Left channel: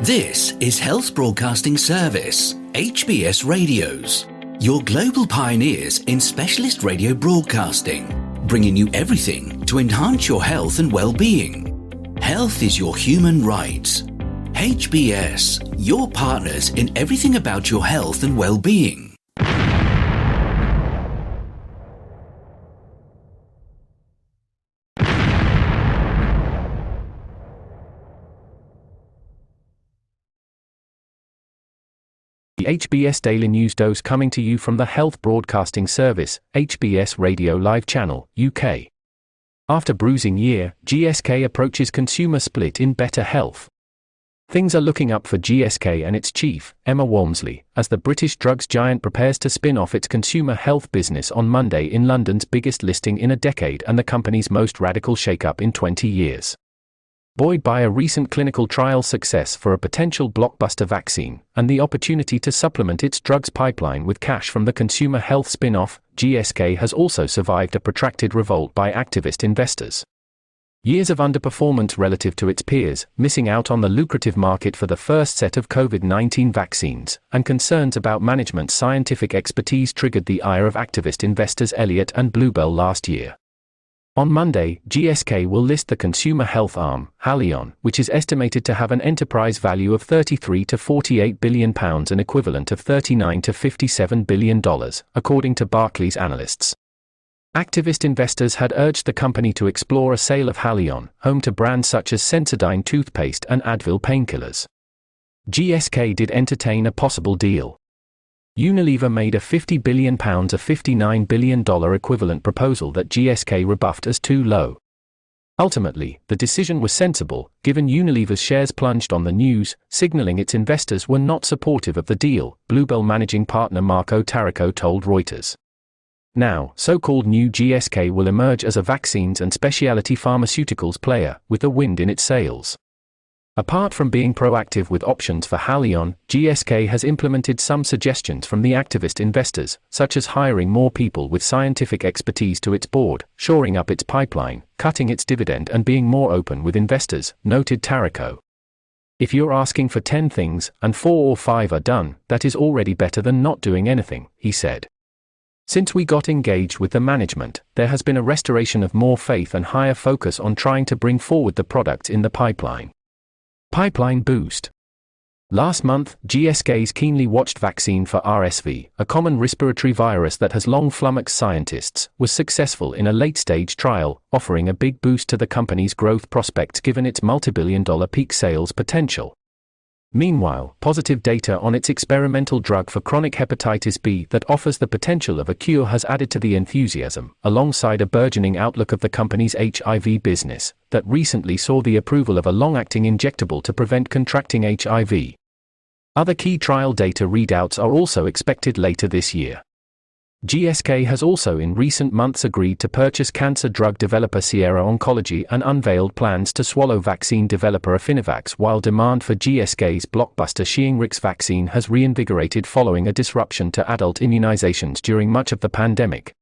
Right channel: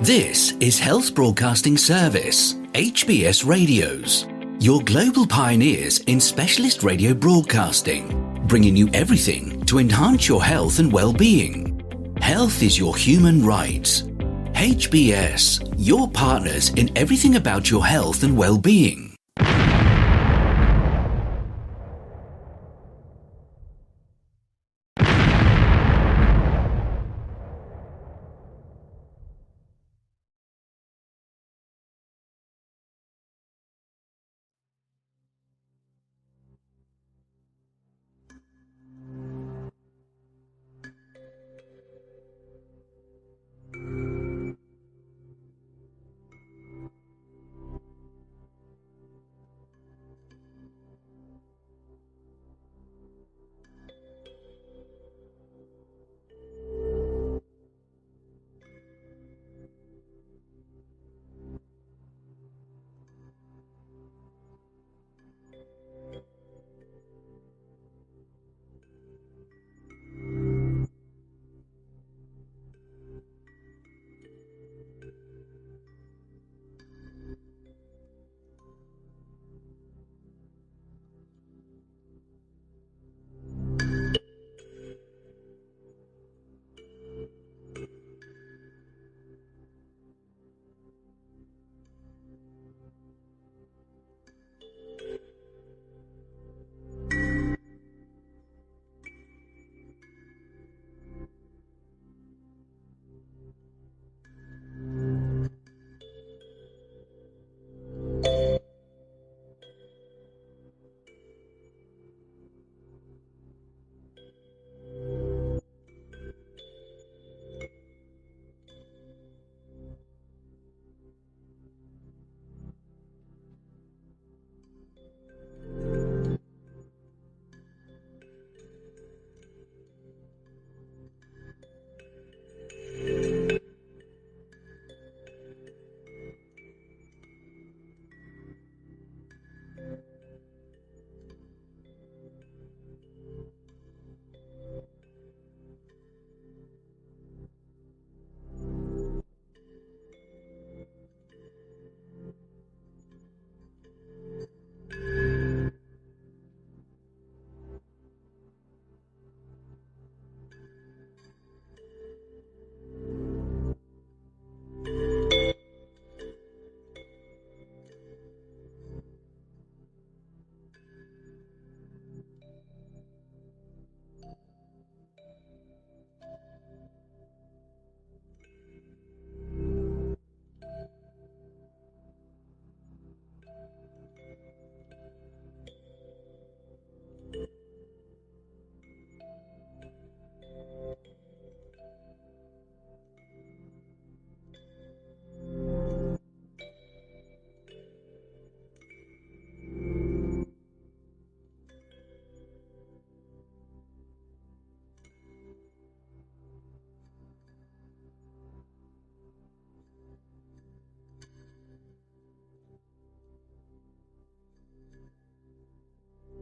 This is Health Broadcasting Service HBS Radios, your global pioneers in specialist radio broadcasting, bringing you everything to enhance your health and well-being. Health is your human right. HBS, your partners in everything about your health and well-being. The HBS Daily News Dose coming to you from the Health Broadcasting Service HBS Radio Live Channel, UK. After bruising year, GSK approaches consumer split in better health. Things are looking up for GSK and its chief, Emma Walmsley, as the British drugs giant prepares to spin off its consumer health business on Monday in London's biggest listing in a decade and the company's most radical shake-up in 20 years. Buoyed by a recent clinical trial success for a potential blockbuster vaccine, and the opportunity to supplement its drugs pipeline with cash from the consumer health spin-off, GSK has also survived a protracted revolt by activist investors. Years of underperformance relative to its peers, missing out on the lucrative market for the first set of COVID-19 vaccines, and concerns about management's scientific expertise triggered the ire of activist investors Elliott and Bluebell last year. On Monday, GSK will list the consumer health arm, Haleon, which is estimated to have an enterprise value of £33 to £48 billion, an equivalent of $39 to $57 billion, according to Barclays analysts. Activist investors had urged the company to explore a sale of Haleon, home to brands such as Sensodyne toothpaste and Advil painkillers. GSK did entertain a possible deal. Unilever made a £50 billion, a $59 billion equivalent proposal that GSK rebuffed as too low. Ultimately, the decision was sensible, given Unilever's shares plunged on the news, signaling its investors were not supportive of the deal, Bluebell managing partner Marco Tarraco told Reuters. Now, so-called new GSK will emerge as a vaccines and specialty pharmaceuticals player, with a wind in its sails. Apart from being proactive with options for Haleon, GSK has implemented some suggestions from the activist investors, such as hiring more people with scientific expertise to its board, shoring up its pipeline, cutting its dividend and being more open with investors, noted Tarraco. If you're asking for 10 things, and 4 or 5 are done, that is already better than not doing anything, he said. Since we got engaged with the management, there has been a restoration of more faith and higher focus on trying to bring forward the products in the pipeline. Pipeline boost. Last month, GSK's keenly watched vaccine for RSV, a common respiratory virus that has long flummoxed scientists, was successful in a late-stage trial, offering a big boost to the company's growth prospects given its multi-billion-dollar peak sales potential. Meanwhile, positive data on its experimental drug for chronic hepatitis B that offers the potential of a cure has added to the enthusiasm, alongside a burgeoning outlook of the company's HIV business, that recently saw the approval of a long-acting injectable to prevent contracting HIV. Other key trial data readouts are also expected later this year. GSK has also in recent months agreed to purchase cancer drug developer Sierra Oncology and unveiled plans to swallow vaccine developer Affinivax, while demand for GSK's blockbuster Shingrix vaccine has reinvigorated following a disruption to adult immunizations during much of the pandemic.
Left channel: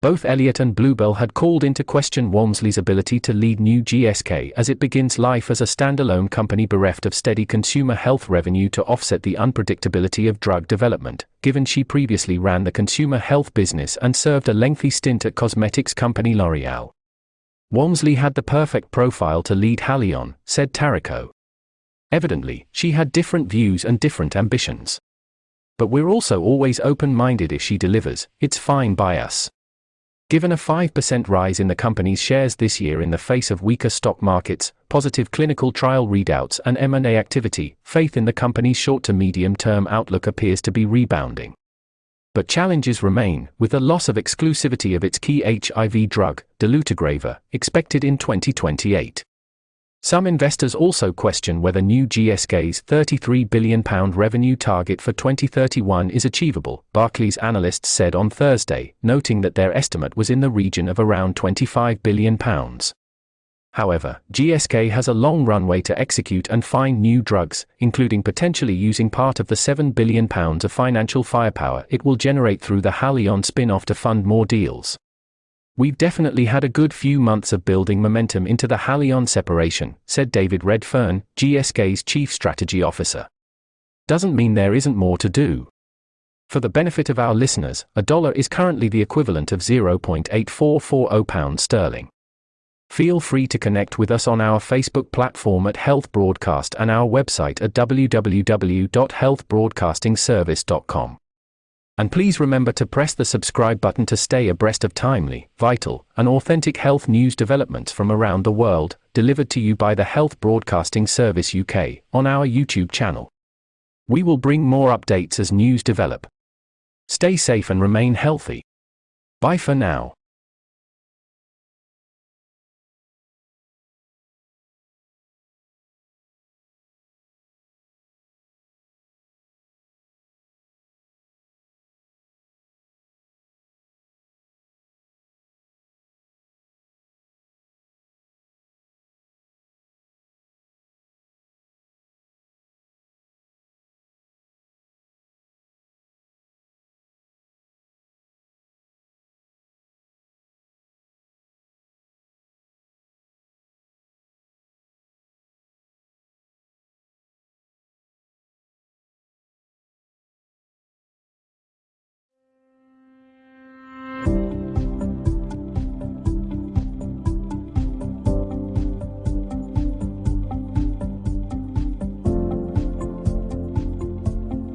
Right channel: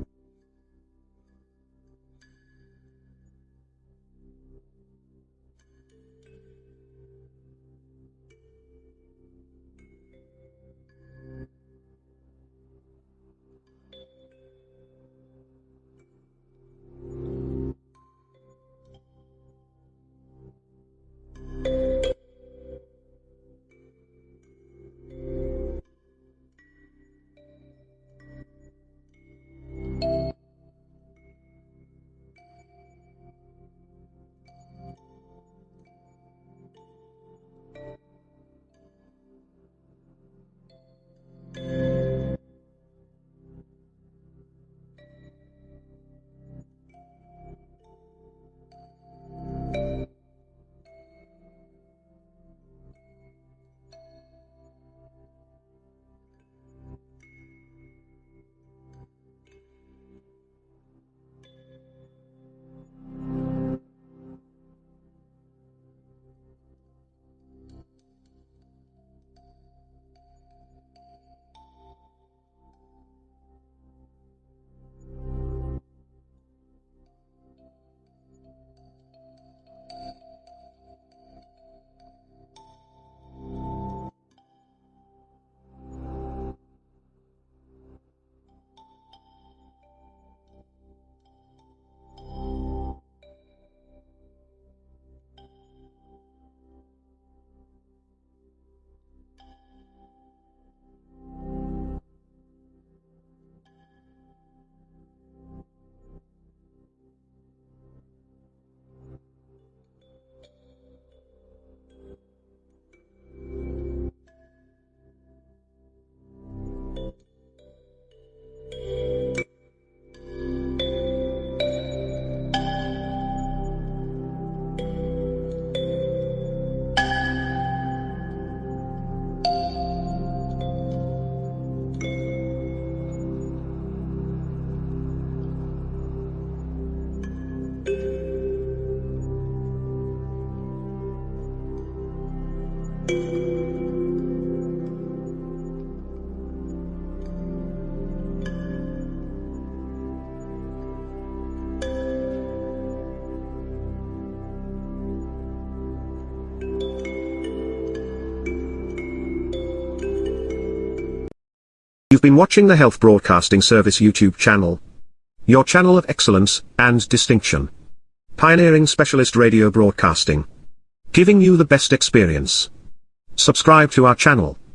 Both Elliott and Bluebell had called into question Walmsley's ability to lead new GSK as it begins life as a standalone company bereft of steady consumer health revenue to offset the unpredictability of drug development, given she previously ran the consumer health business and served a lengthy stint at cosmetics company L'Oreal. Walmsley had the perfect profile to lead Haleon, said Tarraco. Evidently, she had different views and different ambitions. But we're also always open-minded. If she delivers, it's fine by us. Given a 5% rise in the company's shares this year in the face of weaker stock markets, positive clinical trial readouts and M&A activity, faith in the company's short to medium-term outlook appears to be rebounding. But challenges remain, with the loss of exclusivity of its key HIV drug, dolutegravir, expected in 2028. Some investors also question whether new GSK's £33 billion revenue target for 2031 is achievable, Barclays analysts said on Thursday, noting that their estimate was in the region of around £25 billion. However, GSK has a long runway to execute and find new drugs, including potentially using part of the £7 billion of financial firepower it will generate through the Haleon spin-off to fund more deals. "We've definitely had a good few months of building momentum into the Haleon separation," said David Redfern, GSK's Chief Strategy Officer. "Doesn't mean there isn't more to do." For the benefit of our listeners, a dollar is currently the equivalent of £0.8440. Feel free to connect with us on our Facebook platform at Health Broadcast and our website at www.healthbroadcastingservice.com. And please remember to press the subscribe button to stay abreast of timely, vital, and authentic health news developments from around the world, delivered to you by the Health Broadcasting Service UK, on our YouTube channel. We will bring more updates as news develop. Stay safe and remain healthy. Bye for now. You've been watching the Health Broadcasting Service YouTube channel. Your channel of excellence and distinction. Pioneering specialist radio broadcasting. Giving you the best experience. Subscribe to our channel.